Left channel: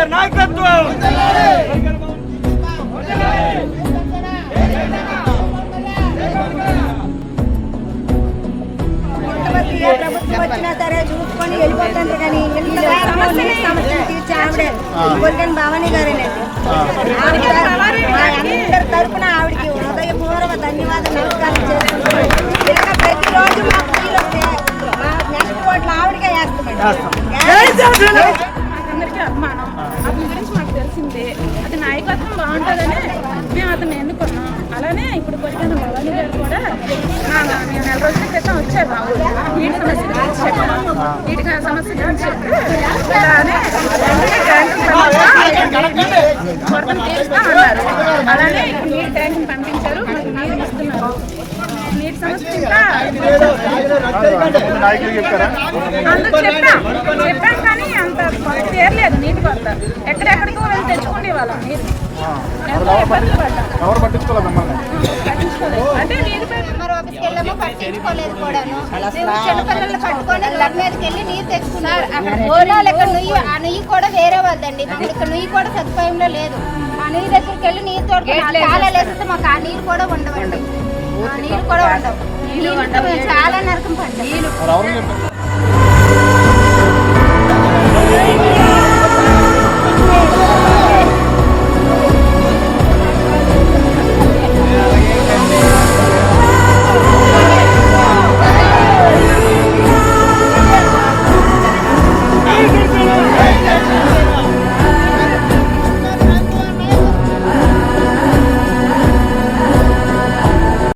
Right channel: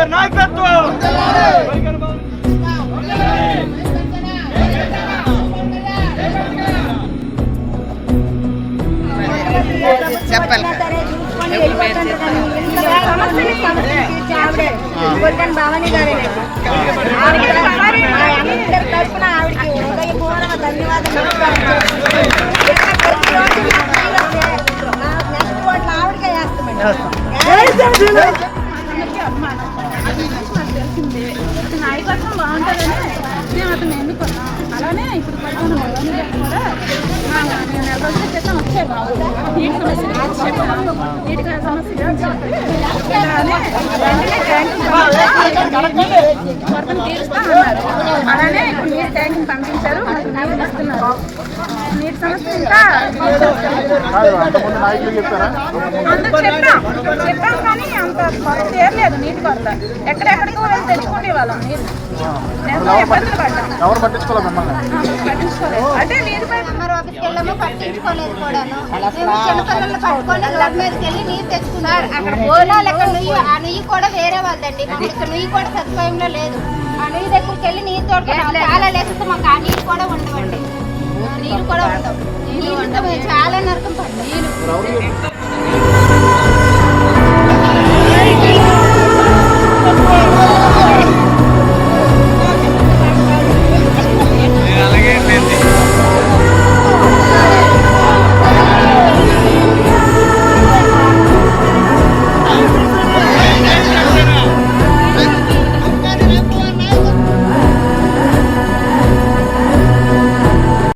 గారి నాయకత్వం. చూసుకొని వెళ్ళిపోతారు కానీ గొర్రెని భవానీ గారు అందరి తరఫున ఆవిడకి హృదయపూర్వక ధన్యవాదాలు నమస్కారం ప్రతిరోజు నెక్స్ట్ ఓట్లు ఆవిడకే వేస్తామండి. అందరికీ అభిమానం అది గురించి మాకు తెలిసింది. నాయకత్వం బాగుంటుందని మేము అతను ఎన్నుకున్నాం. అలానే ఇప్పుడు కొంచెం భవానీ గారు కూడా నేను 2 రోజుల క్రితం వచ్చారు మా ఊరు. నీటి సమస్య గురించి చెప్పాను. నీటి సమస్య గురించి ఇలానే కొరతను తీరుస్తా అన్నారు. అలానే ఇప్పుడు నీటి ట్యాంకుని పంపించారు, మనకి నీళ్ళు ఇస్తున్నారు. నీటి సమస్య ఇంకా అందరూ చెప్పాం కానీ అంత కొరత తీరలేదు. నీటి కొరత ఎక్కడెక్కడికో వెళ్ళి తెచ్చుకునే వాళ్ళం నీరు. ఎంతో ఇబ్బందులు పడ్డాం. పట్టించుకోలేదు అంటే నీరు ఆఫీస్కి వెళ్ళాము, పట్టించుకోలేదు కూడా. చిన్నపిల్లలు పట్టుకొని రోడ్ మీదకి వెళ్ళి నీరు తెచ్చుకున్నారు. అక్కడ భోజనాలు ఎక్కడ నుయ్యి, ఆ నుయ్యి కూడా వేరే వాళ్ళండి. ఇక్కడ నుయ్యి కూడా సదుపాయంలో లేదు. ఆ నుయ్యి దగ్గరికి వెళ్ళి నీరు తోడుకున్నాం. చాలా లేకపోతే మాకు ఆ నీరు కూడా ఉండవండి. నీరు కూడా ఉండవు. నీళ్ళు చాలా నరకం పడ్డాయి.